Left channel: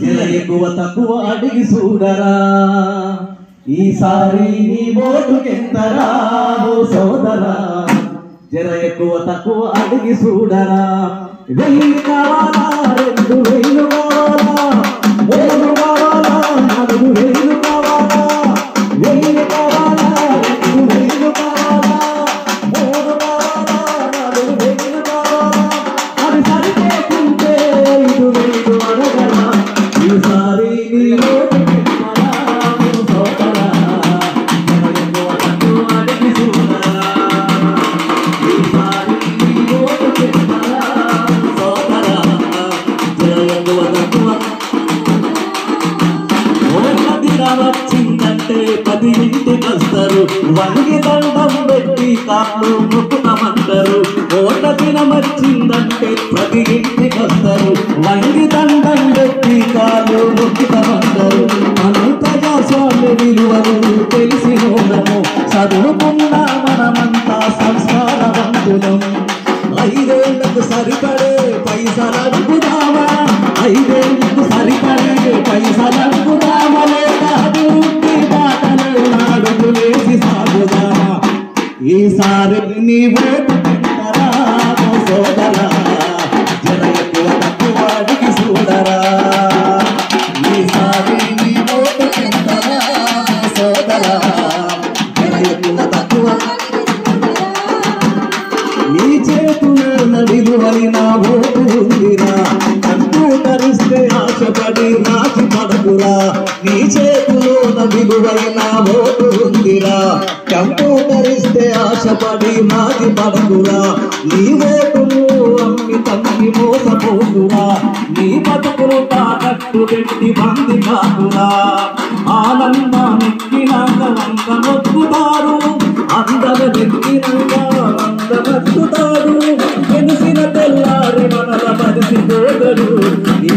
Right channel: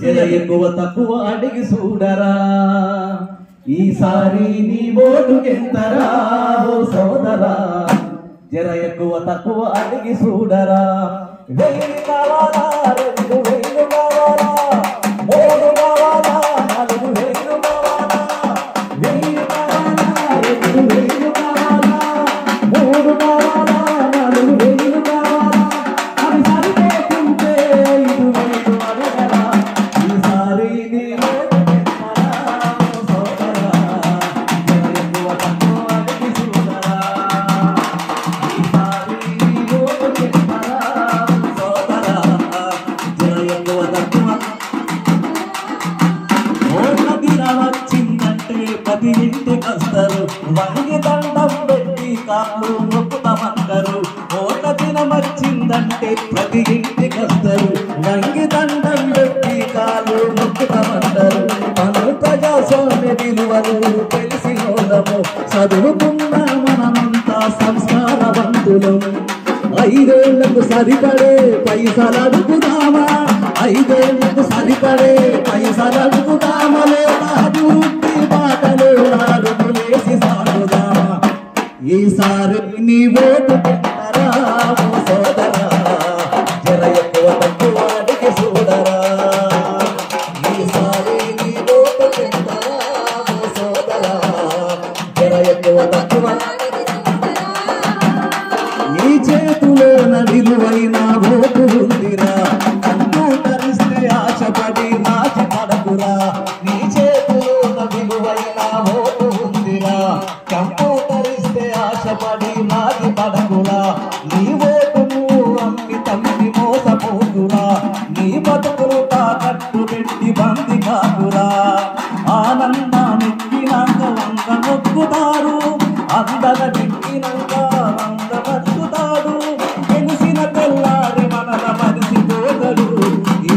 జర ఎక్కువ తక్కువ అడిగి చూడరా ఈసారి నీ ఓటుకెంతరా ఓ సోదరా జర ఎక్కువ తక్కువ అడిగి చూడరా 1000 కావాలా 2000 కావాలా 3 కావాలా 4000 కావాలా 1000 కావాలా 2000 కావాలా 3 కావాలా 4000 కావాలా అది సరిపోతుంటే 5000 అడగరా ఈసారి నీ ఓటుకెంతరా ఓ సోదరా జర ఎక్కువ తక్కువ అడిగి చూడరా ఈసారి నీ ఓటుకెంతరా ఓ సోదరా జర ఎక్కువ తక్కువ ఓట్ల దినం వచ్చిందంటే 10 ఇంటికొస్తారు వంగి దండం పెట్టి కాళ్ళు మొక్కుతామంటారు ఓట్ల దినం వచ్చిందంటే 10 ఇంటికొస్తారు వంగి దండం పెట్టి కాళ్ళు మొక్కుతామంటారు మనం ప్రజాస్వామ్య విలువలు తెలిసినోళ్ళము చదువుకున్న మనమంతా సంస్కారవంతులు 5 ఏళ్లకు సరిపడే పైసలు అడుగుదామా 5 ఏళ్లకు సరిపడే పైసలు అడుగుదామా లేదా అభివృద్ధి బాటలు అడుగులేసి సాగుదామా ఈసారి నీ ఓటు పెట్టరా ఓ సోదరా జర ఎక్కువ తక్కువ అడిగి చూడరా ఈసారి నీ ఓటు పెట్టరా ఓ సోదరా జర ఎక్కువ తక్కువ నీ చేతిలో విలువైన ఓటు ఉందిరా కంప్యూటర్ ఇస్తే ఆశపడి నాచి పడకురా నీ చేతిలో విలువైన ఓటు ఉందిరా కంప్యూటర్ ఇస్తే ఆశపడి నాచి పడకురా నీ ఓటును అమ్మి తమ్మి మోసపోకురా నీ బతుకులు తాకట్టు పెట్టి బంది కాకురా ఆనందానెక్కినాక వంక నొక్కుతారు అందగ నెక్కినాక వంద నొక్కుతారు తెలిసిన తెల్లారి మనల పరిసి పోగరు ఈ